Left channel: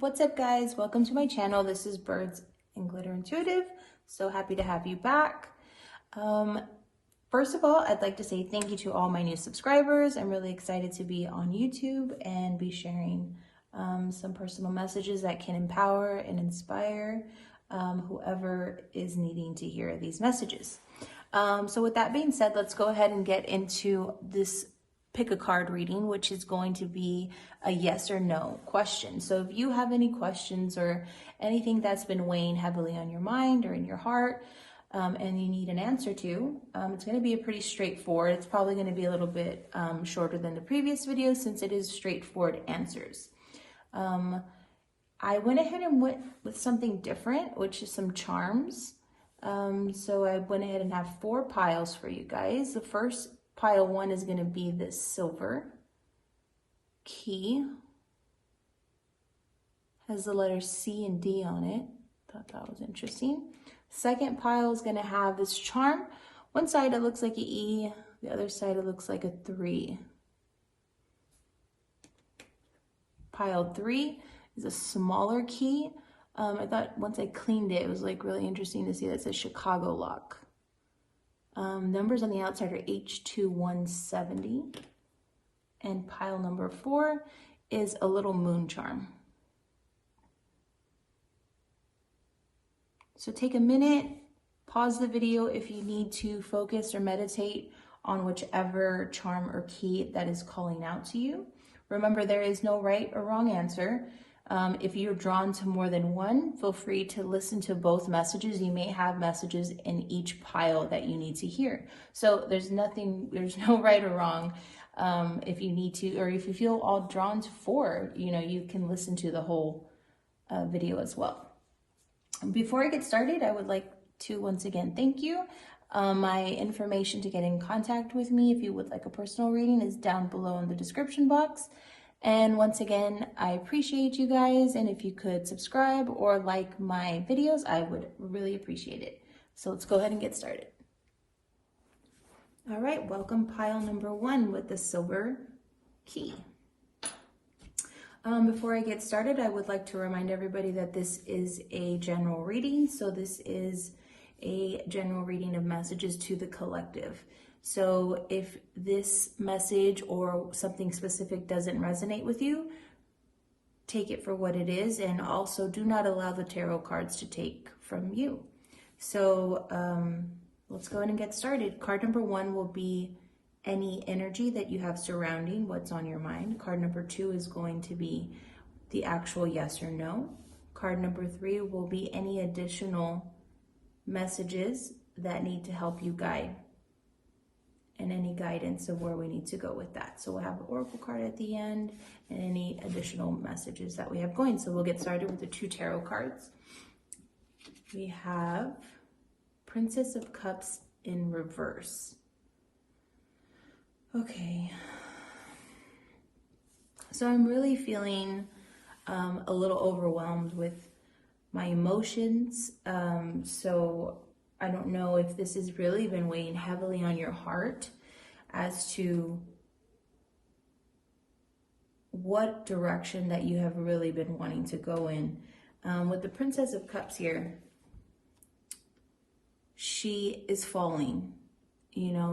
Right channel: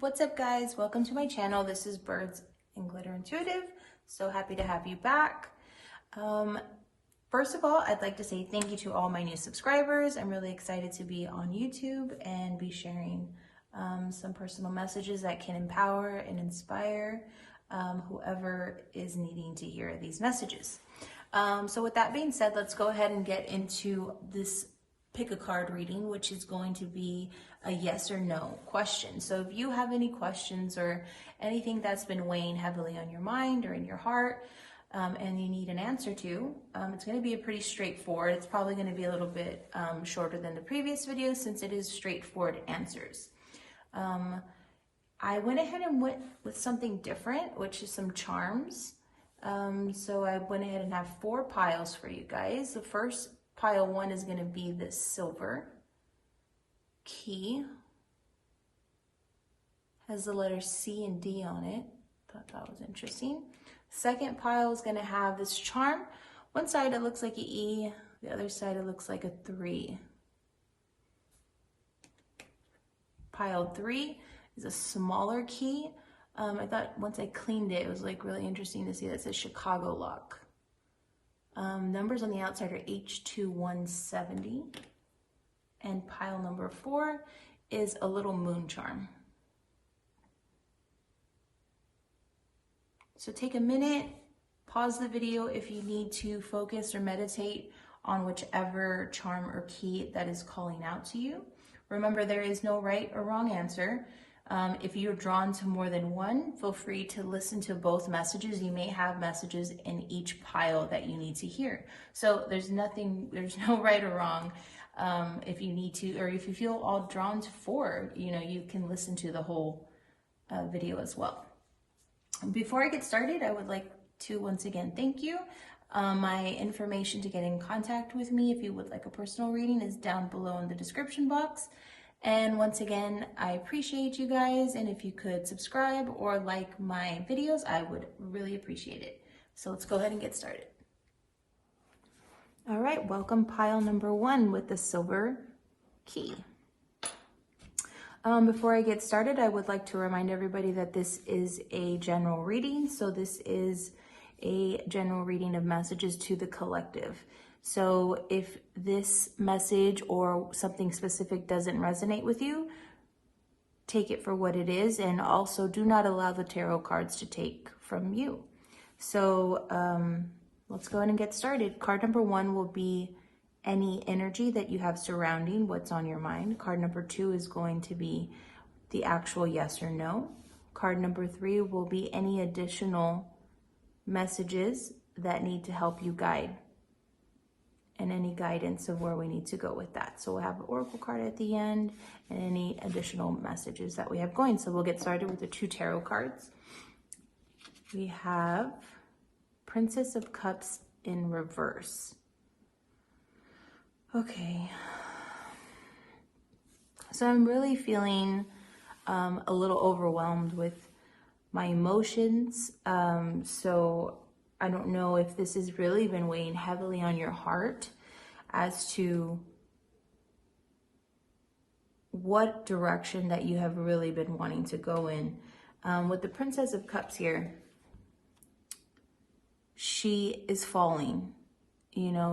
What's up, guys? Welcome to my channel. This is Birds and Glitter Intuitive. So happy to have you back. First of all, I'd like to say thank you to all my new subscribers. I'm really excited to be on YouTube and be sharing some personal messages that can empower and inspire whoever is needing to hear these messages. So with that being said, let's go ahead and get into this pick a card reading, which is going to be a yes or no question. So if you have any questions or anything that's been weighing heavily on your mind or in your heart, and you need an answer to, it's going to be a pretty straightforward. It's probably going to be a little bit shorter than the previous video since it is straightforward answers. I went ahead and went with something different, which is some charms. So I went ahead and have 4 piles for you guys. The first pile 1 is going to be this silver key. Has the letters C and D on it. Thought that was interesting. Second pile is going to have this charm. One side it looks like an E, the other side it looks like a 3. Pile 3 is a smaller key. I thought once I cleaned it, it was like really interesting to see that it says Chicago lock. Numbers on the outside are H2170. And pile number 4 is a little moon charm. So take a minute, pause the video if you need to focus or meditate on whichever charm or key that is calling out to you. Remember, there is no right or wrong answer. If you're drawn to more than one, feel free to listen to both messages. You may have messages in each pile that you need to hear. So there's no right or wrong. If you need to, or if you feel all drawn to 4, you can listen to the whole video as well. Before I get started, I would like to once again thank you. My information to get in contact with me if you would like a personal reading is down below in the description box. And once again, I appreciate you guys, and if you could subscribe or like my videos, I would really appreciate it. So let's go ahead and get started. All right, welcome pile number 1 with the silver key. Before I get started, I would like to remind everybody that this is a general reading. So this is a general reading of messages to the collective. So if this message or something specific doesn't resonate with you, take it for what it is, and also do not allow the tarot cards to take from you. So let's go ahead and get started. Card number 1 will be any energy that you have surrounding what's on your mind. Card number 2 is going to be the actual yes or no. Card number 3 will be any additional messages that need to help you guide, and any guidance of where we need to go with that. So we'll have an oracle card at the end and any additional messages that we have going. So we'll get started with the 2 tarot cards. We have Princess of Cups in reverse. Okay. So I'm really feeling a little overwhelmed with my emotions. So I don't know if this has really been weighing heavily on your heart as to what direction that you have really been wanting to go in. With the Princess of Cups here, she is falling.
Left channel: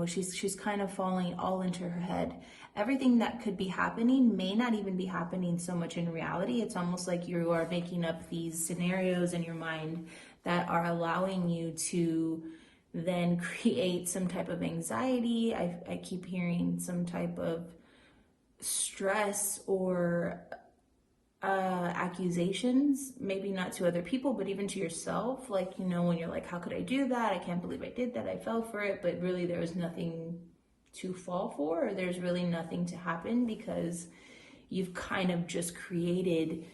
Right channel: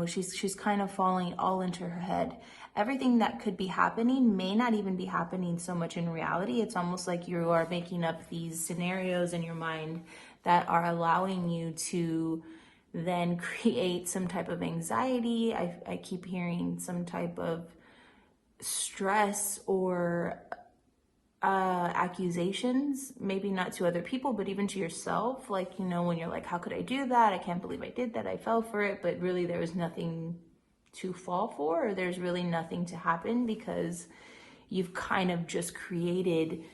She's kind of falling all into her head. Everything that could be happening may not even be happening so much in reality. It's almost like you are making up these scenarios in your mind that are allowing you to then create some type of anxiety. I keep hearing some type of stress or accusations, maybe not to other people, but even to yourself. Like, when you're like, how could I do that? I can't believe I did that. I fell for it. But really there's nothing to fall for, or there's really nothing to happen, because you've kind of just created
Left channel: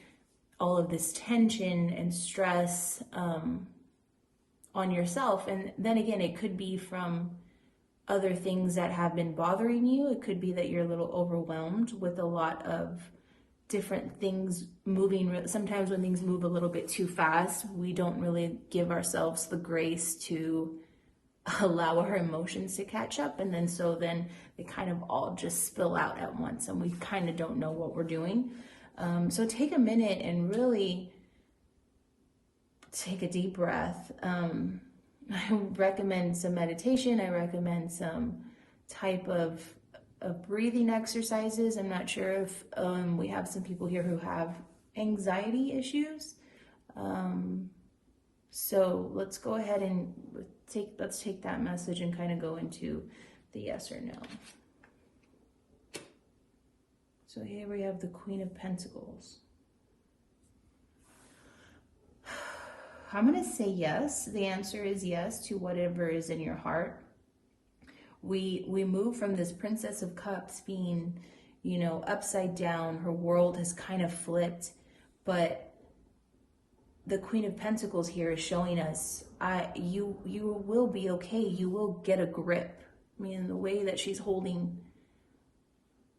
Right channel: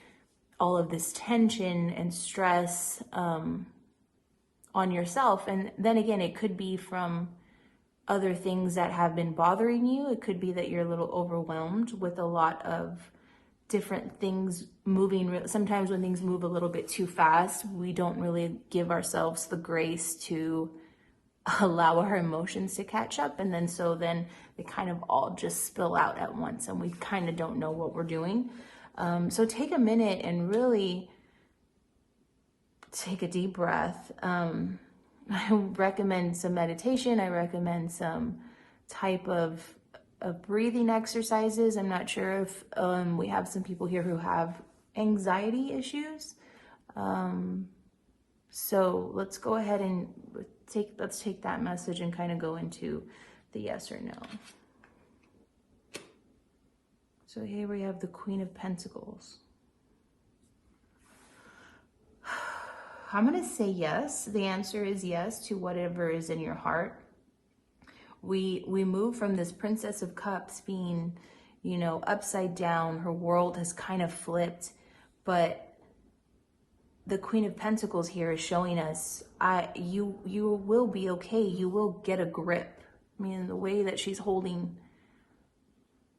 all of this tension and stress on yourself. And then again, it could be from other things that have been bothering you. It could be that you're a little overwhelmed with a lot of different things moving. Sometimes when things move a little bit too fast, we don't really give ourselves the grace to allow our emotions to catch up. And then they kind of all just spill out at once, and we kind of don't know what we're doing. So take a minute and really take a deep breath. I recommend some meditation. I recommend some type of breathing exercises. I'm not sure if we have some people here who have anxiety issues. So let's go ahead and let's take that message and kind of go into the yes or no. So here we have the Queen of Pentacles. I'm going to say yes. The answer is yes to whatever is in your heart. We move from this Princess of Cups being, you know, upside down. Her world has kind of flipped, but the Queen of Pentacles here is showing us, you will be okay. You will get a grip. I mean, the way that she's holding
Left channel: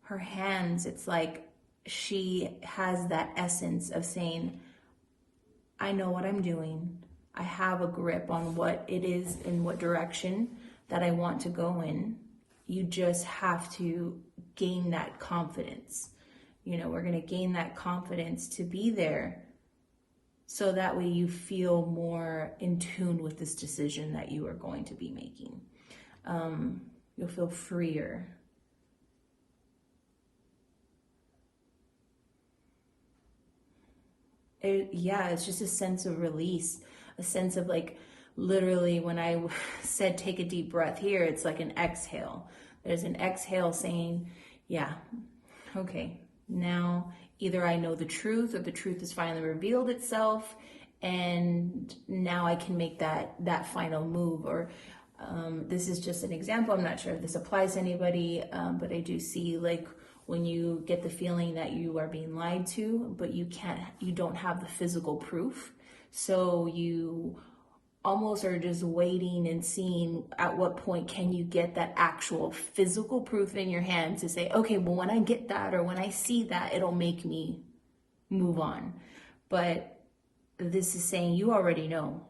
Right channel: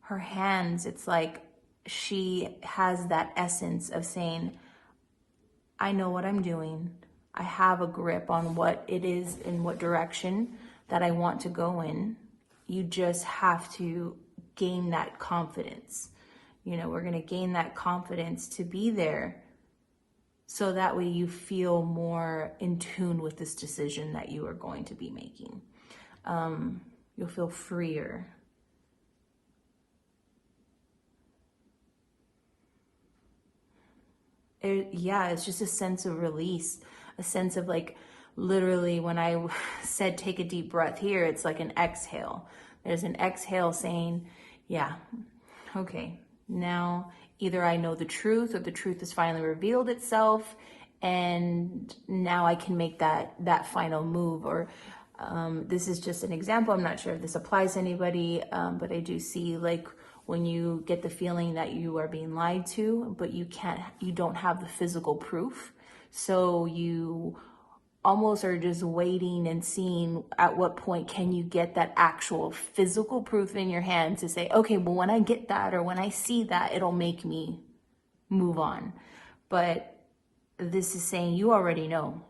her hands, it's like she has that essence of saying, I know what I'm doing. I have a grip on what it is in what direction that I want to go in. You just have to gain that confidence. You know, we're going to gain that confidence to be there so that way you feel more in tune with this decision that you are going to be making. You'll feel freer. It's just a sense of release, a sense of like, literally when I said take a deep breath here, it's like an exhale. There's an exhale saying, yeah, okay, now either I know the truth or the truth has finally revealed itself and now I can make that final move. Or this is just an example. I'm not sure if this applies to anybody, but I do see like when you get the feeling that you are being lied to, but you don't have the physical proof. So you almost are just waiting and seeing at what point can you get that actual physical proof in your hand to say, okay, well, when I get that or when I see that, it'll make me move on. But this is saying you already know.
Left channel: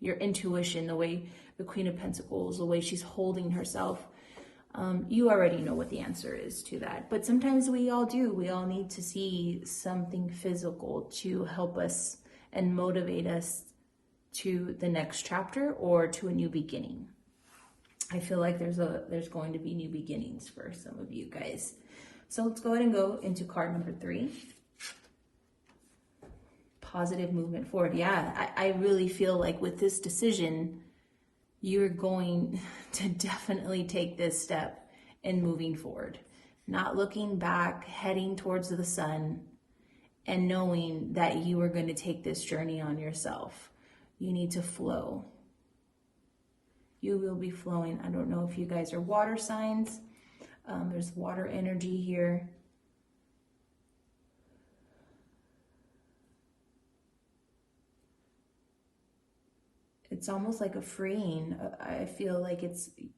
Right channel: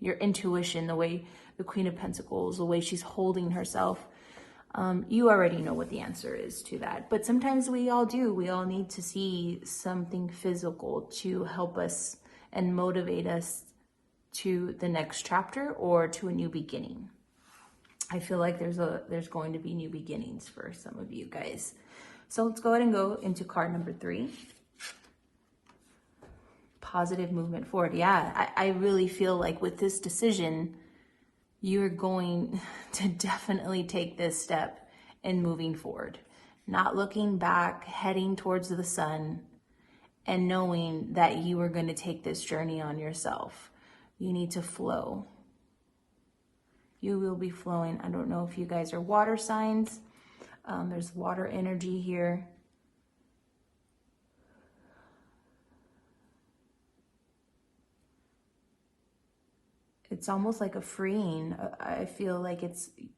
Your intuition, the way the Queen of Pentacles, the way she's holding herself, you already know what the answer is to that. But sometimes we all do. We all need to see something physical to help us and motivate us to the next chapter or to a new beginning. I feel like there's going to be new beginnings for some of you guys. So let's go ahead and go into card number 3. Positive movement forward. Yeah, I really feel like with this decision, you're going to definitely take this step in moving forward. Not looking back, heading towards the sun, and knowing that you are going to take this journey on yourself. You need to flow. You will be flowing. I don't know if you guys are water signs. There's water energy here. It's almost like a freeing. I feel like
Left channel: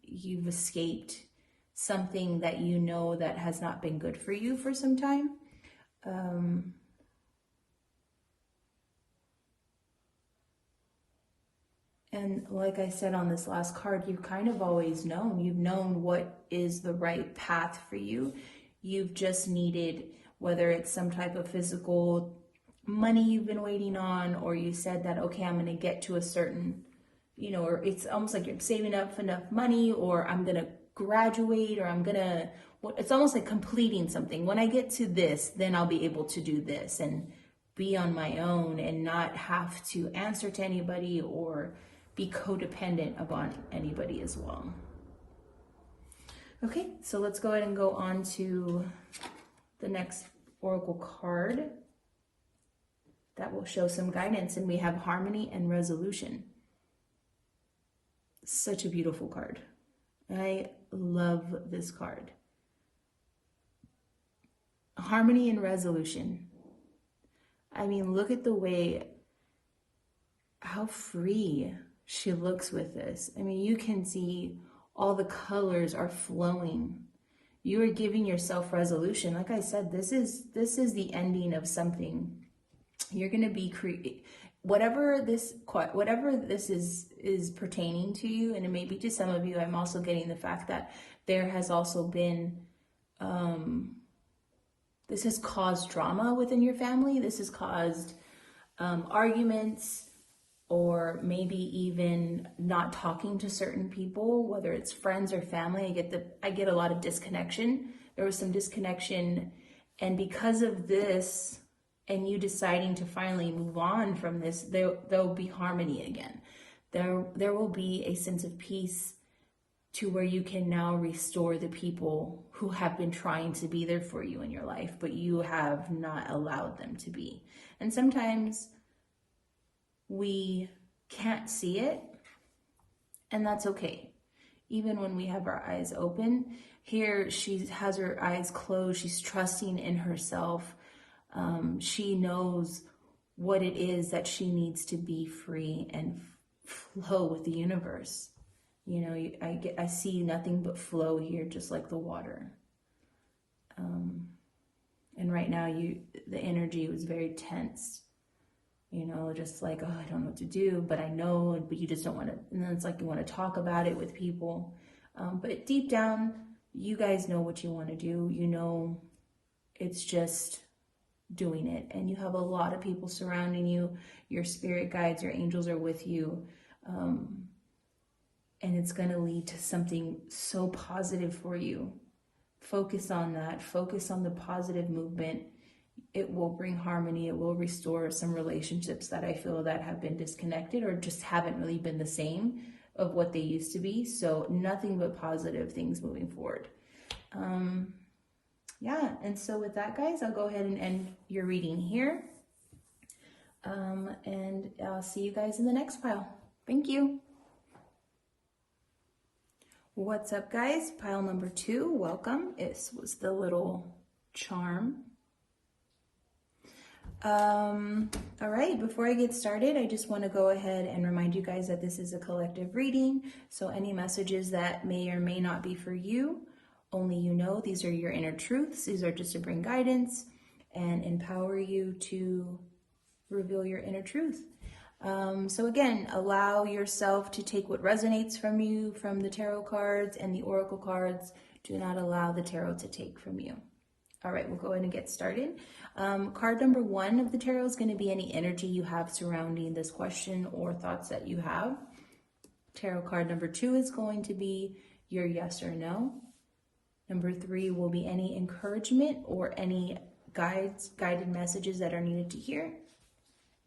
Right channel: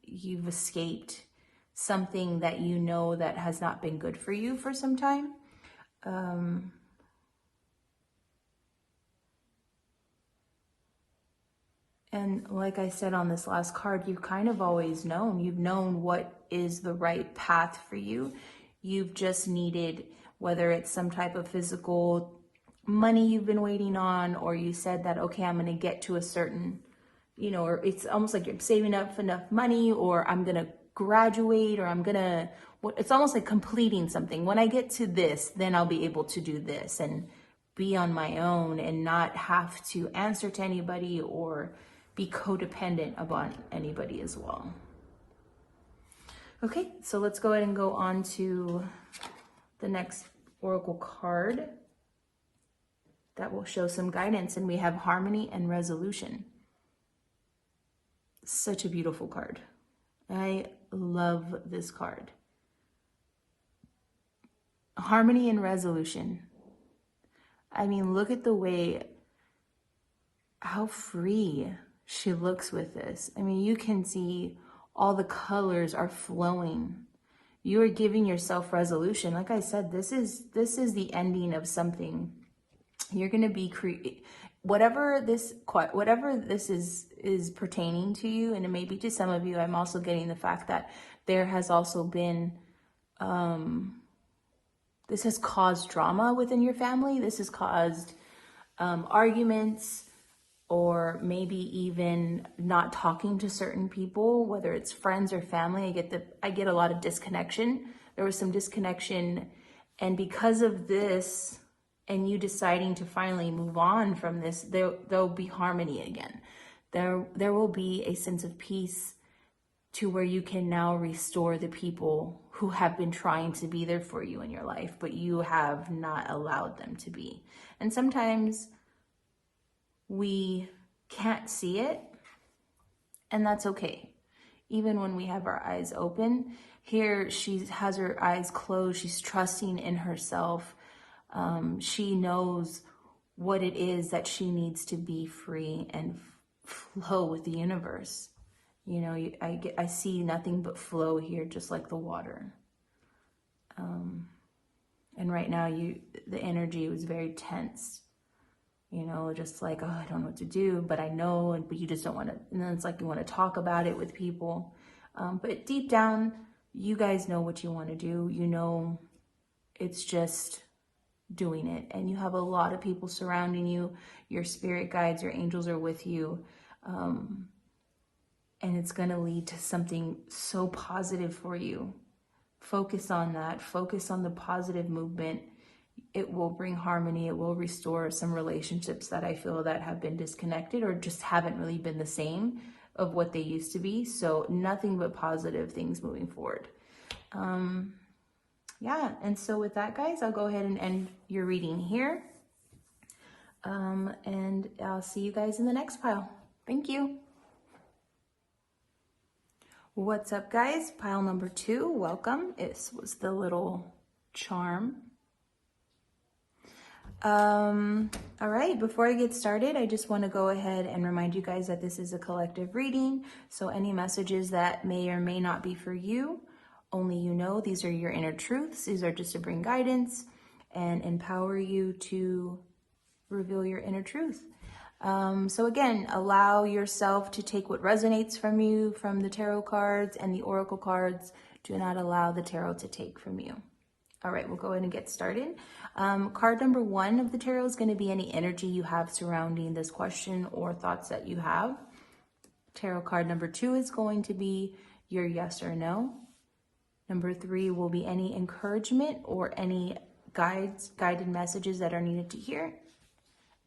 you've escaped something that you know that has not been good for you for some time. And like I said on this last card, you've kind of always known. You've known what is the right path for you. You've just needed, whether it's some type of physical money you've been waiting on, or you said that, okay, I'm going to get to a certain, or it's almost like you're saving up enough money, or I'm going to graduate, or it's almost like completing something. When I get to this, then I'll be able to do this and be on my own and not have to answer to anybody or be codependent upon anybody as well. Okay, so let's go ahead and go on to the next oracle card that will show some guidance, and we have harmony and resolution. Such a beautiful card. I love this card. Harmony and resolution. I mean, look at the way, how free she looks with this. I mean, you can see all the colors are flowing. You are giving yourself resolution. Like I said, this is the ending of something. You're going to be whatever this is pertaining to you, and it may be to some of you. I'm also getting the fact that there has also been this has caused drama within your family. This has caused arguments, or maybe even not talking to certain people, whether it's friends or family. I get a lot of disconnection. There was some disconnection, and because of this, and you deciding to finally move on from this, there'll be harmony again. There will be a sense of peace to where you can now restore the people who have been trying to be there for you in your life, but you have not allowed them to be. And sometimes we can't see it, and that's okay. Even when we have our eyes open, here she has her eyes closed. She's trusting in herself. She knows what it is that she needs to be free and flow with the universe. You know, I see nothing but flow here, just like the water. And right now, the energy was very tense. You know, just like, oh, I don't know what to do, but I know, but you just don't want to. And then it's like you want to talk about it with people. But deep down, you guys know what you want to do. You know, it's just doing it. And you have a lot of people surrounding you. Your spirit guides, your angels are with you. And it's going to lead to something so positive for you. Focus on that. Focus on the positive movement. It will bring harmony. It will restore some relationships that I feel that have been disconnected or just haven't really been the same of what they used to be. So nothing but positive things moving forward. Yeah, and so with that, guys, I'll go ahead and end your reading here. And I'll see you guys in the next pile. Thank you. What's up, guys? Pile number 2, welcome. It was the little charm. All right, before I get started, I just want to go ahead and remind you guys that this is a collective reading. So any messages that may or may not be for you, only you know. These are your inner truths. These are just to bring guidance and empower you to reveal your inner truth. So again, allow yourself to take what resonates from you, from the tarot cards and the oracle cards. Do not allow the tarot to take from you. All right, we'll go ahead and get started. Card number 1 of the tarot is going to be any energy you have surrounding this question or thoughts that you have. Tarot card number 2 is going to be your yes or no. Number 3 will be any encouragement or any guided messages that are needed to hear,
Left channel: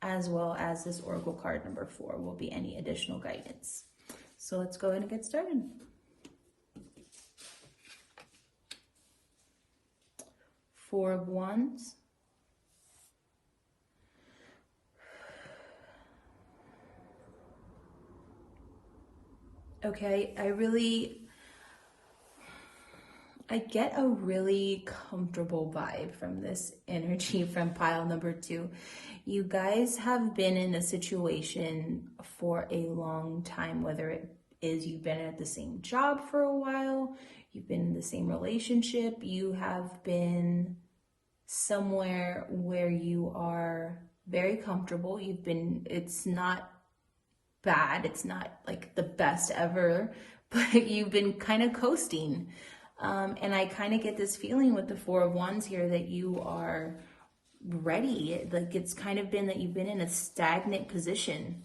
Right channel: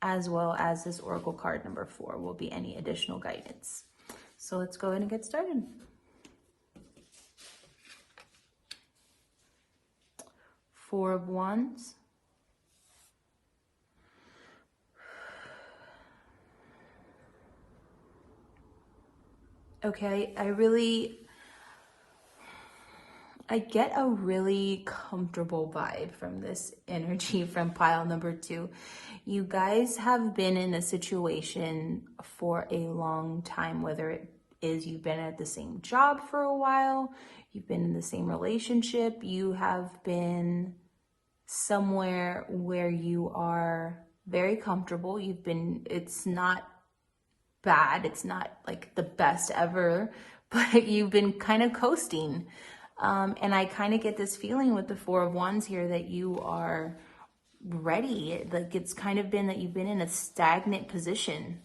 as well as this oracle card number 4 will be any additional guidance. So let's go ahead and get started. Four of Wands. Okay, I get a really comfortable vibe from this energy from pile number 2. You guys have been in a situation for a long time, whether it is you've been at the same job for a while, you've been in the same relationship, you have been somewhere where you are very comfortable. It's not bad, it's not like the best ever, but you've been kind of coasting. And I kind of get this feeling with the Four of Wands here that you are ready. Like it's kind of been that you've been in a stagnant position,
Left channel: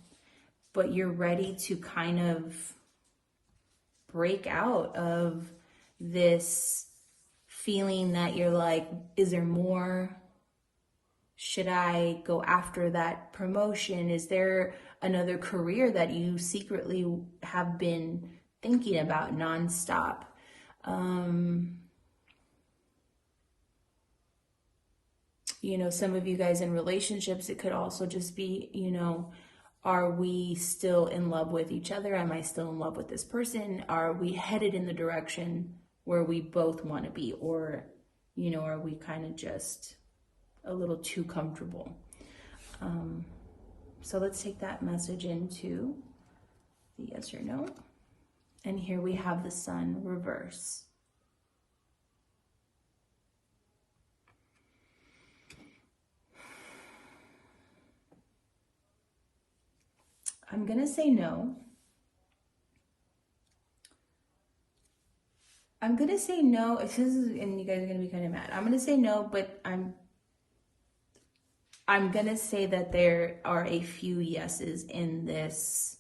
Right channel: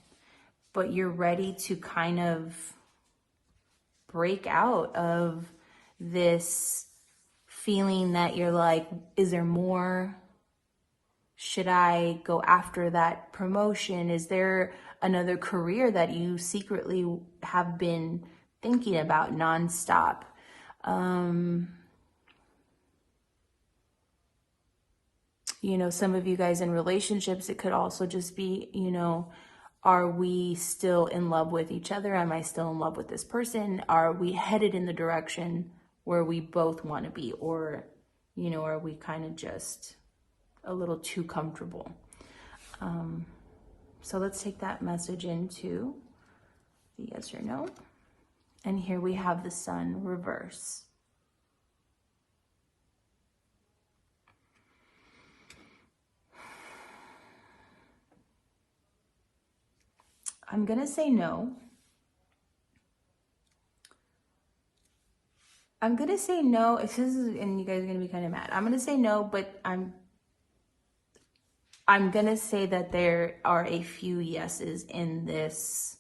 but you're ready to kind of break out of this feeling that you're like, is there more? Should I go after that promotion? Is there another career that you secretly have been thinking about nonstop? You know, some of you guys in relationships, it could also just be, you know, are we still in love with each other? Am I still in love with this person? Are we headed in the direction where we both want to be? Or, you know, are we kind of just a little too comfortable? So let's take that message into the yes or no. And here we have the Sun reverse. I'm going to say no. I'm gonna say no. If this is, and you guys are gonna be kind of mad, I'm gonna say no, but I'm gonna say that there are a few yeses in this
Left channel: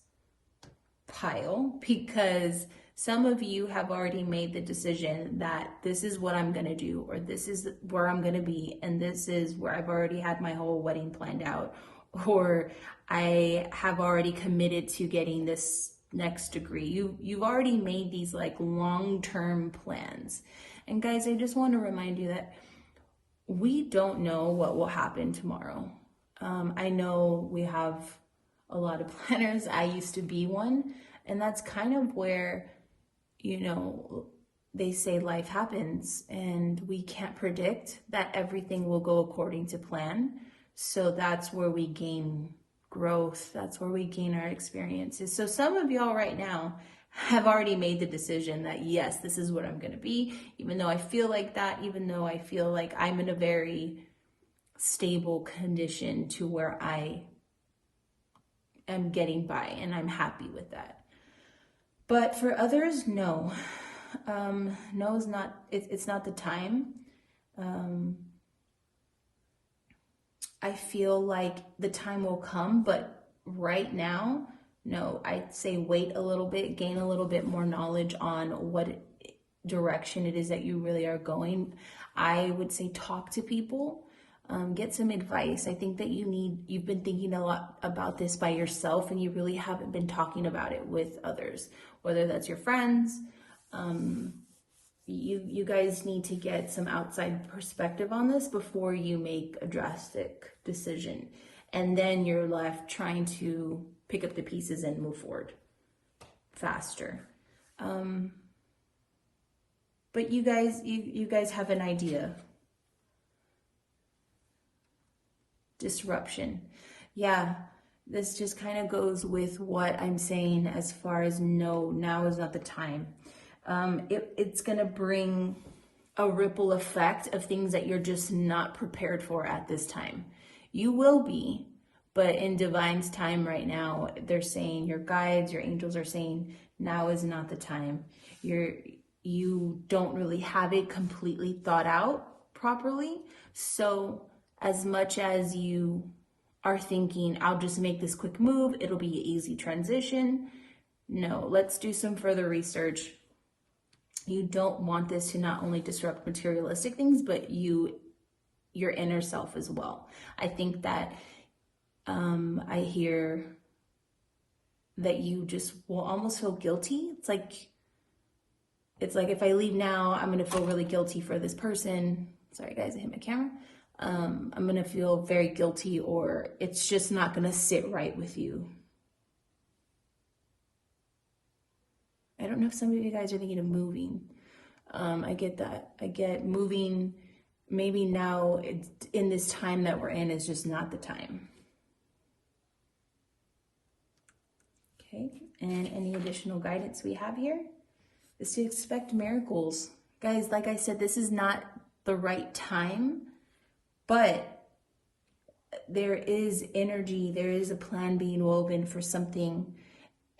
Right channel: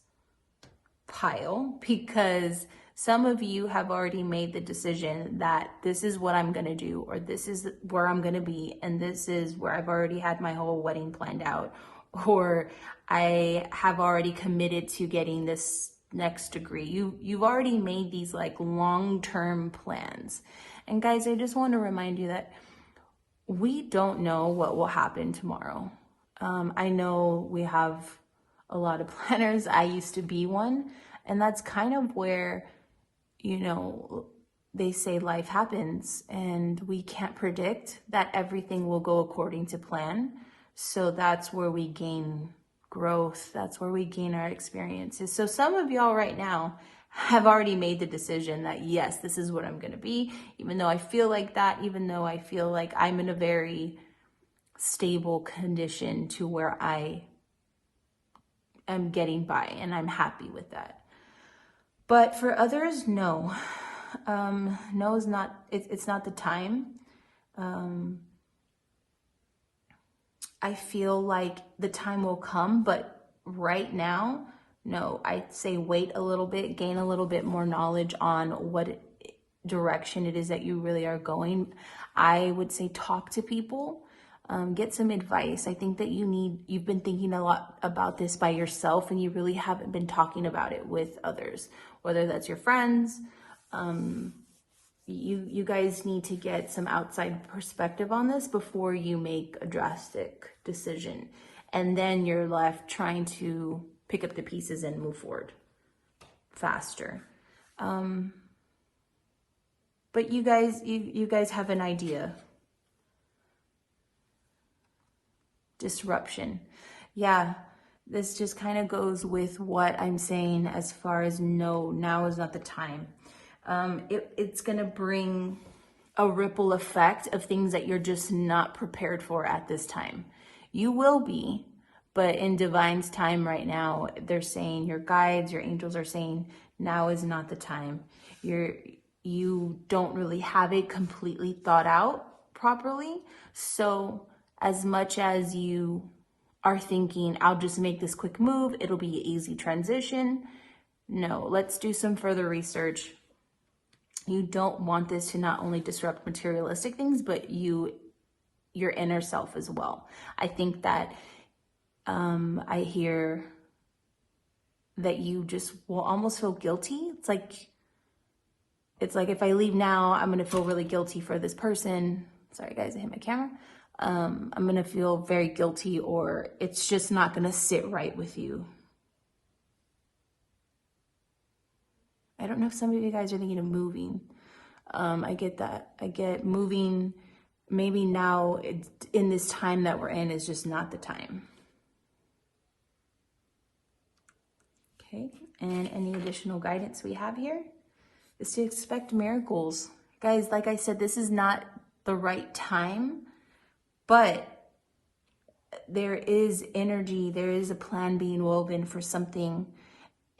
pile, because some of you have already made the decision that this is what I'm gonna do, or this is where I'm gonna be, and this is where I've already had my whole wedding planned out, or I have already committed to getting this next degree. You've already made these like long-term plans. And guys, I just want to remind you that we don't know what will happen tomorrow. I know we have a lot of planners. I used to be one, and that's kind of where, you know, they say life happens and we can't predict that everything will go according to plan. So that's where we gain growth. That's where we gain our experiences. So some of y'all right now have already made the decision that, yes, this is what I'm going to be, even though I feel like that, even though I feel like I'm in a very stable condition to where I am getting by and I'm happy with that. But for others, no. No is not, it's not the time. I feel like the time will come, but right now, no. I'd say wait a little bit, gain a little bit more knowledge on what direction it is that you really are going. I would say talk to people, get some advice. I think that you've been thinking a lot about this by yourself, and you really haven't been talking about it with others, whether that's your friends. You guys need to get some outside perspective on this before you make a drastic decision. And then you're left trying to pick up the pieces and move forward faster. But you guys have an idea. Disruption. Yeah, this just kind of goes with what I'm saying as far as no, now is not the time. It's going to bring a ripple effect of things that you're just not prepared for at this time. You will be, but in Divine's time right now, they're saying, your guides, your angels are saying, now is not the time. You don't really have it completely thought out properly. So as much as you are thinking, I'll just make this quick move, it'll be an easy transition. No, let's do some further research. You don't want this to not only disrupt materialistic things, but your inner self as well. I think that I hear that you just will almost feel guilty. It's like if I leave now, I'm going to feel really guilty for this person. Sorry guys, I hit my camera. I'm going to feel very guilty, or it's just not going to sit right with you. I don't know if some of you guys are thinking of moving. I get that. I get moving. Maybe now in this time that we're in is just not the time. Okay, and any additional guidance we have here is to expect miracles. Guys, like I said, this is not the right time, but there is energy, there is a plan being woven for something.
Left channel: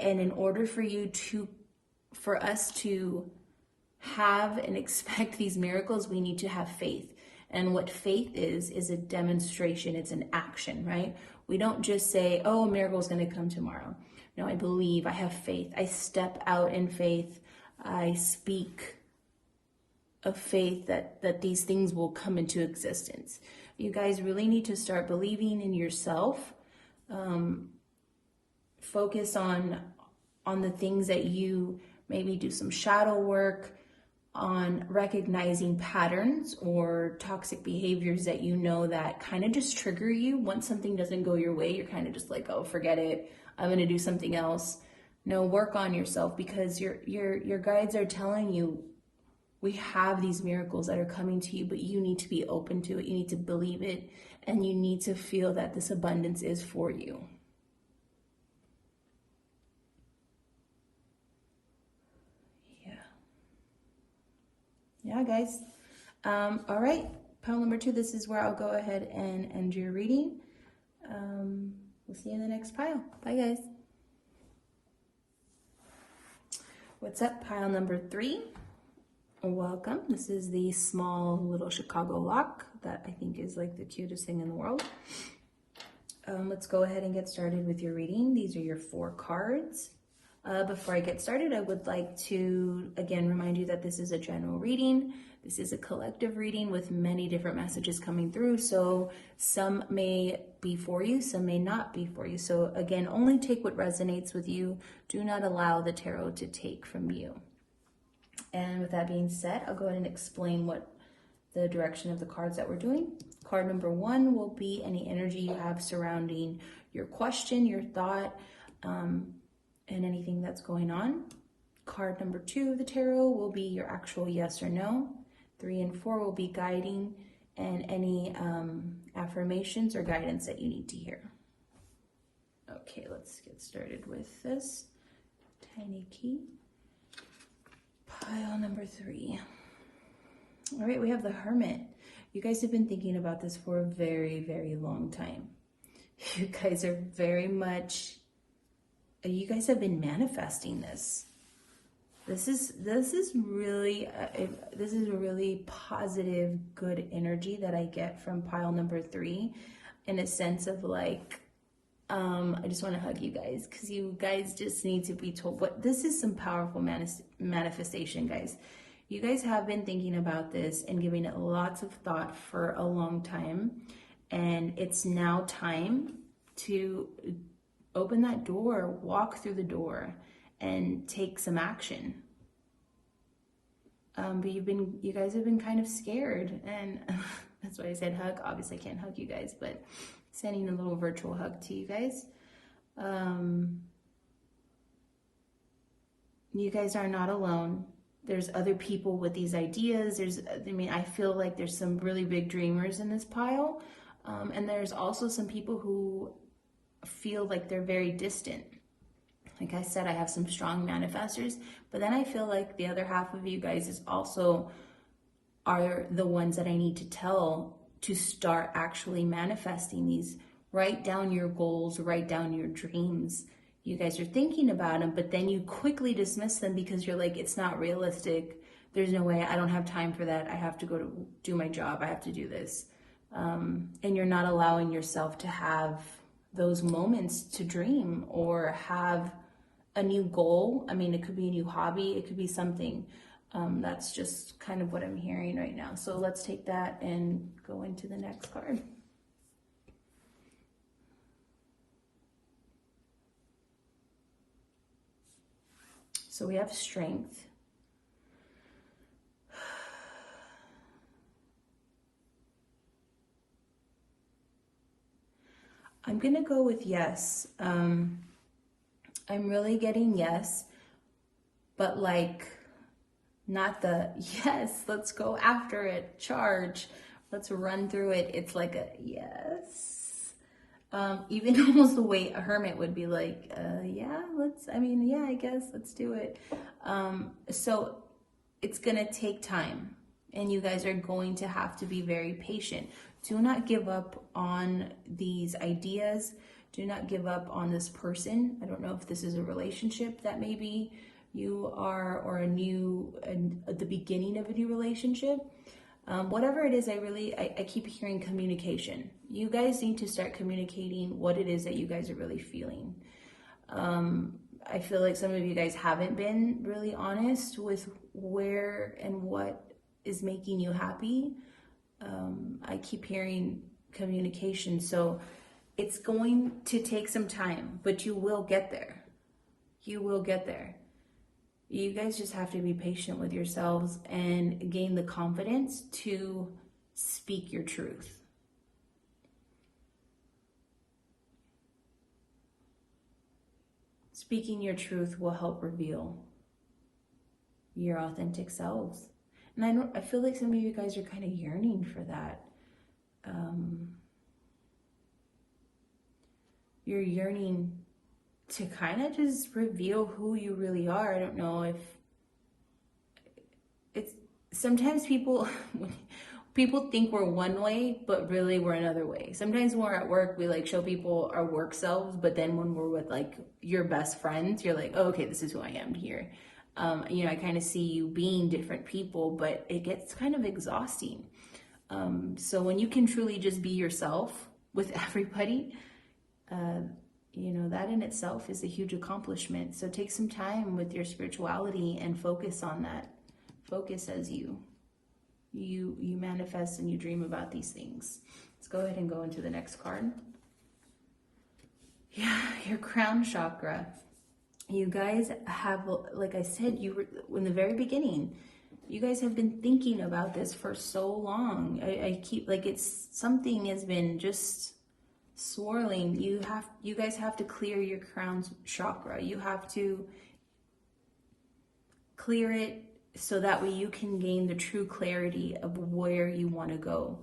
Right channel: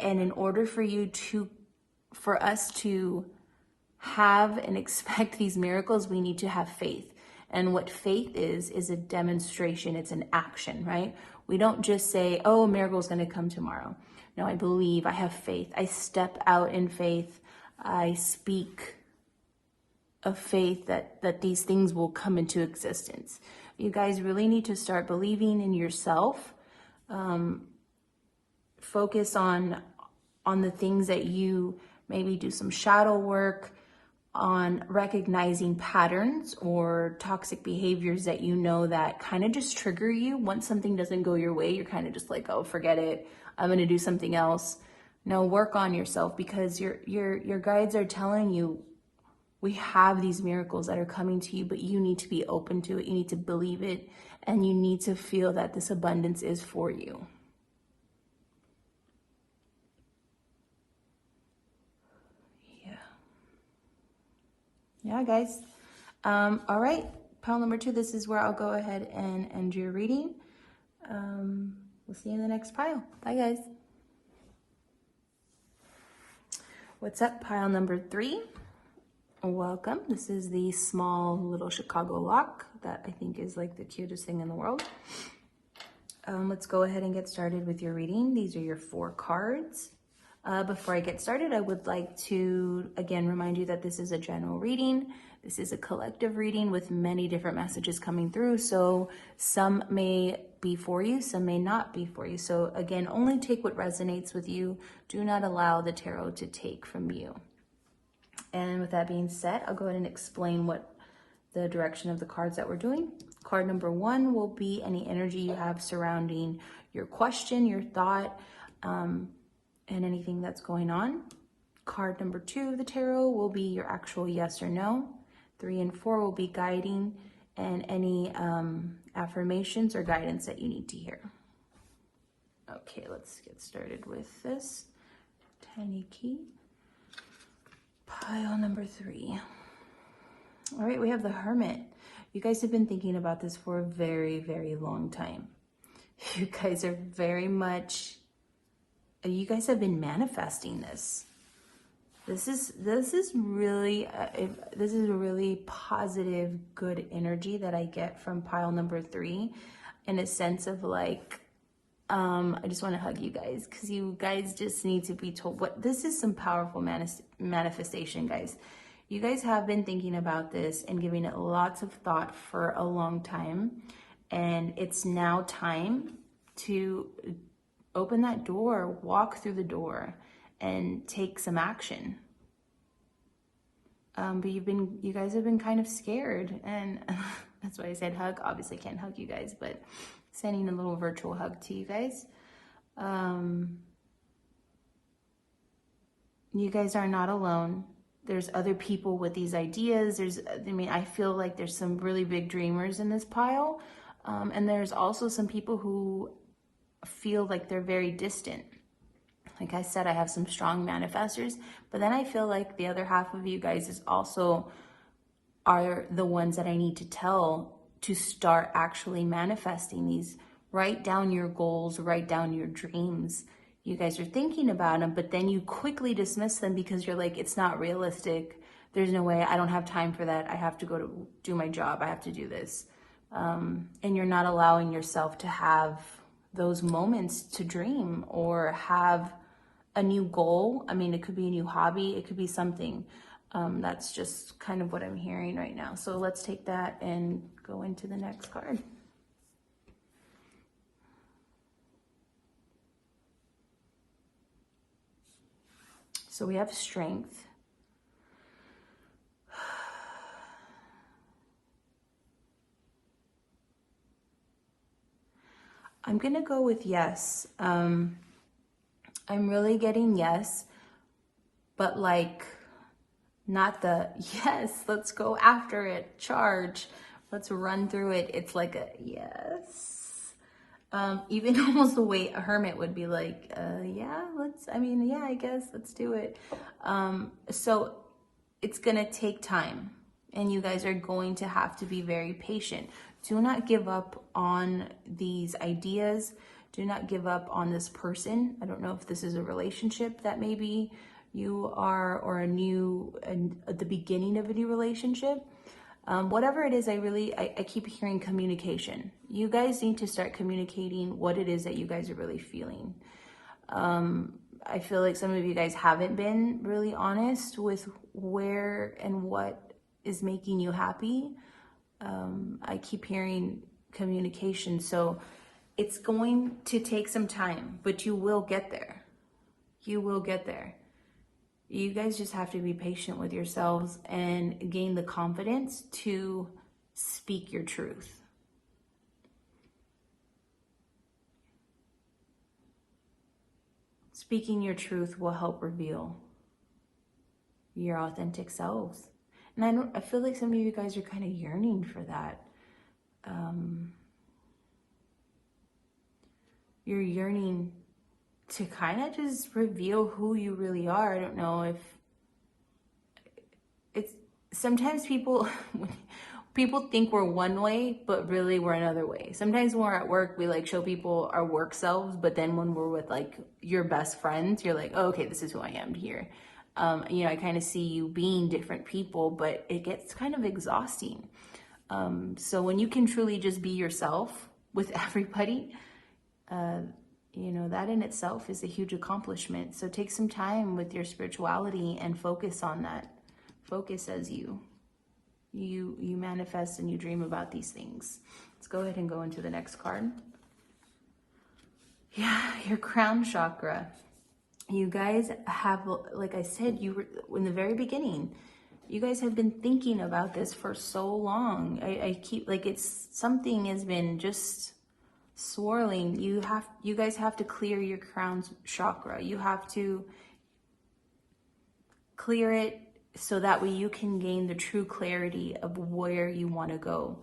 And in order for us to have and expect these miracles, we need to have faith. And what faith is a demonstration, it's an action, right? We don't just say, oh, a miracle is going to come tomorrow. No, I believe, I have faith. I step out in faith. I speak of faith that these things will come into existence. You guys really need to start believing in yourself. Focus on the things that you maybe do some shadow work on, recognizing patterns or toxic behaviors that you know that kind of just trigger you. Once something doesn't go your way, you're kind of just like, oh, forget it, I'm going to do something else. No, work on yourself, because your guides are telling you we have these miracles that are coming to you, but you need to be open to it. You need to believe it, and you need to feel that this abundance is for you. Yeah, guys. All right, pile number 2, this is where I'll go ahead and end your reading. We'll see you in the next pile. Bye, guys. What's up, pile number 3? Welcome. This is the small little Chicago lock that I think is like the cutest thing in the world. Let's go ahead and get started with your reading. These are your 4 cards. Before I get started, I would like to again remind you that this is a general reading. This is a collective reading with many different messages coming through. So some may be for you, some may not be for you. So again, only take what resonates with you. Do not allow the tarot to take from you. And with that being said, I'll go ahead and explain what the direction of the cards that we're doing. Card number 1 will be any energy you have surrounding your question, your thought, and anything that's going on. Card number 2 of the tarot will be your actual yes or no. 3 and 4 will be guiding and any affirmations or guidance that you need to hear. Okay, let's get started with this. Tiny key. Pile number 3. All right, we have the Hermit. You guys have been thinking about this for a very, very long time. You guys are you guys have been manifesting this. This is really this is a really positive, good energy that I get from pile number 3, in a sense of like, I just want to hug you guys because you guys just need to be told what this is. Some powerful manifestation, guys. You guys have been thinking about this and giving it lots of thought for a long time, and it's now time to open that door, walk through the door, and take some action. But you guys have been kind of scared, and that's why I said hug. Obviously, I can't hug you guys, but sending a little virtual hug to you guys. You guys are not alone. There's other people with these ideas. I feel like there's some really big dreamers in this pile. And there's also some people who feel like they're very distant. Like I said, I have some strong manifestors, but then I feel like the other half of you guys are the ones that I need to tell to start actually manifesting these. Write down your goals, write down your dreams. You guys are thinking about them, but then you quickly dismiss them because you're like, it's not realistic. There's no way. I don't have time for that. I have to go to do my job. I have to do this. And you're not allowing yourself to have those moments to dream or have a new goal. I mean, it could be a new hobby. It could be something. That's just kind of what I'm hearing right now. So let's take that and go into the next card. So we have strength. I'm going to go with yes. I'm really getting yes, but like not the yes, let's go after it, charge, let's run through it. It's like a yes. Even almost the way a hermit would be like, yeah, I guess let's do it. So it's going to take time, and you guys are going to have to be very patient. Do not give up on these ideas. Do not give up on this person. I don't know if this is a relationship that maybe you are, or at the beginning of a new relationship. Whatever it is, I keep hearing communication. You guys need to start communicating what it is that you guys are really feeling. I feel like some of you guys haven't been really honest with where and what is making you happy. I keep hearing communication. So it's going to take some time, but you will get there. You will get there. You guys just have to be patient with yourselves and gain the confidence to speak your truth. Speaking your truth will help reveal your authentic selves. And I feel like some of you guys are kind of yearning for that. You're yearning to kind of just reveal who you really are. I don't know if it's, sometimes people think we're one way, but really we're another way. Sometimes when we're at work, we like show people our work selves, but then when we're with like your best friends, you're like, oh, okay, this is who I am here. You know, I kind of see you being different people, but it gets kind of exhausting. So when you can truly just be yourself with everybody, you know, that in itself is a huge accomplishment. So take some time with your spirituality and focus on that. Focus as you manifest and you dream about these things. Let's go ahead and go into the next card. Yeah, your crown chakra. You guys have, like I said, you were in the very beginning, you guys have been thinking about this for so long. I keep, like, it's something has been just swirling. You guys have to clear your crown chakra. You have to clear it so that way you can gain the true clarity of where you want to go.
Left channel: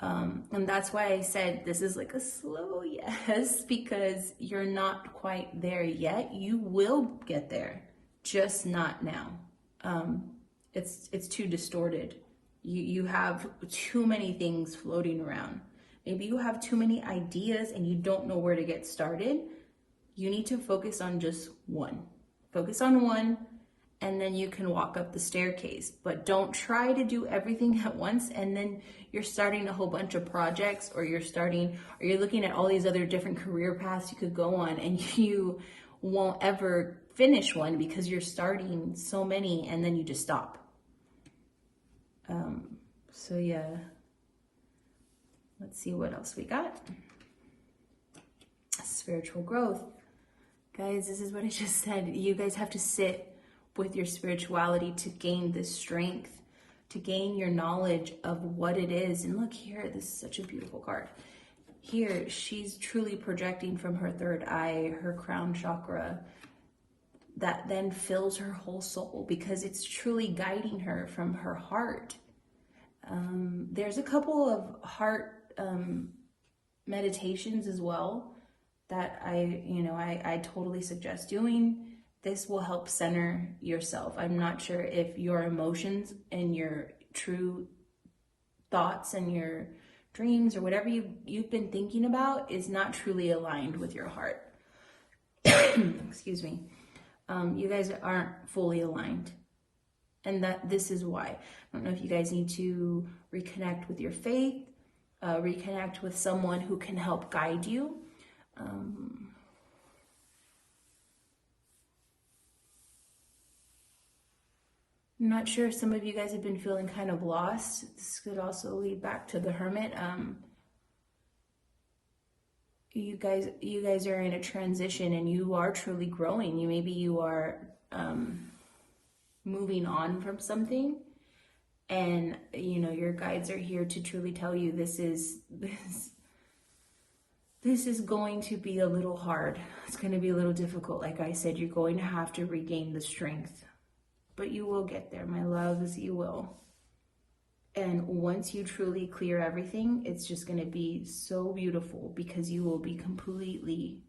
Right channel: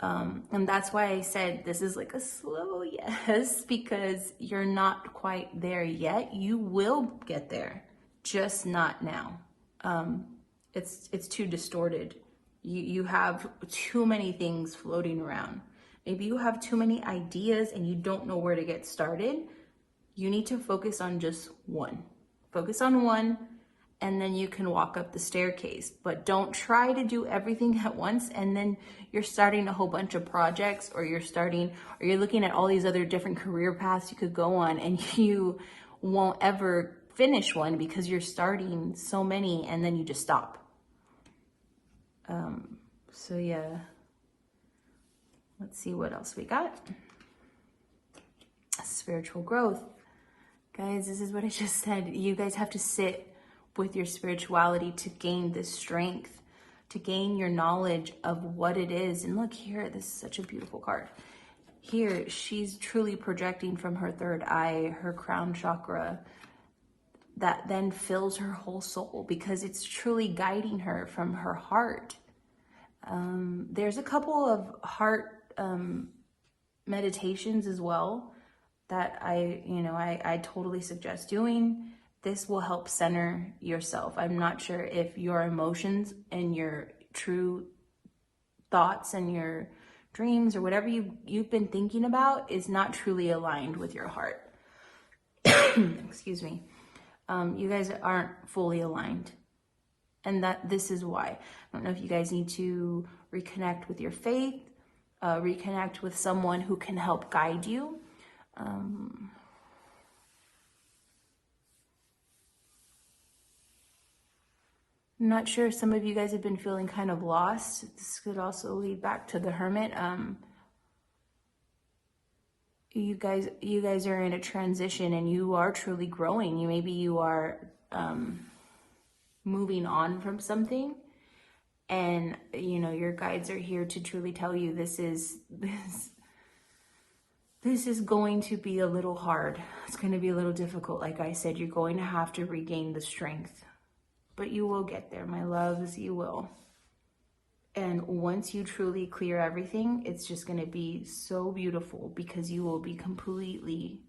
And that's why I said this is like a slow yes, because you're not quite there yet. You will get there, just not now. It's too distorted. You have too many things floating around. Maybe you have too many ideas and you don't know where to get started. You need to focus on just one. Focus on one, and then you can walk up the staircase. But don't try to do everything at once, and then you're starting a whole bunch of projects, or you're looking at all these other different career paths you could go on, and you won't ever finish one because you're starting so many and then you just stop. So yeah, let's see what else we got. Spiritual growth. Guys, this is what I just said. You guys have to sit with your spirituality to gain this strength, to gain your knowledge of what it is. And look here, this is such a beautiful card. Here, she's truly projecting from her third eye, her crown chakra, that then fills her whole soul because it's truly guiding her from her heart. There's a couple of heart meditations as well that I totally suggest doing. This will help center yourself. I'm not sure if your emotions and your true thoughts and your dreams or whatever you've been thinking about is not truly aligned with your heart. Excuse me. You guys aren't fully aligned. And this is why. I don't know if you guys need to reconnect with your faith, reconnect with someone who can help guide you. I'm not sure if some of you guys have been feeling kind of lost. This could also lead back to the Hermit. You guys are in a transition and you are truly growing. Maybe you are moving on from something, and your guides are here to truly tell you this is going to be a little hard. It's going to be a little difficult. Like I said, you're going to have to regain the strength, but you will get there, my loves. You will. And once you truly clear everything, it's just going to be so beautiful because you will be completely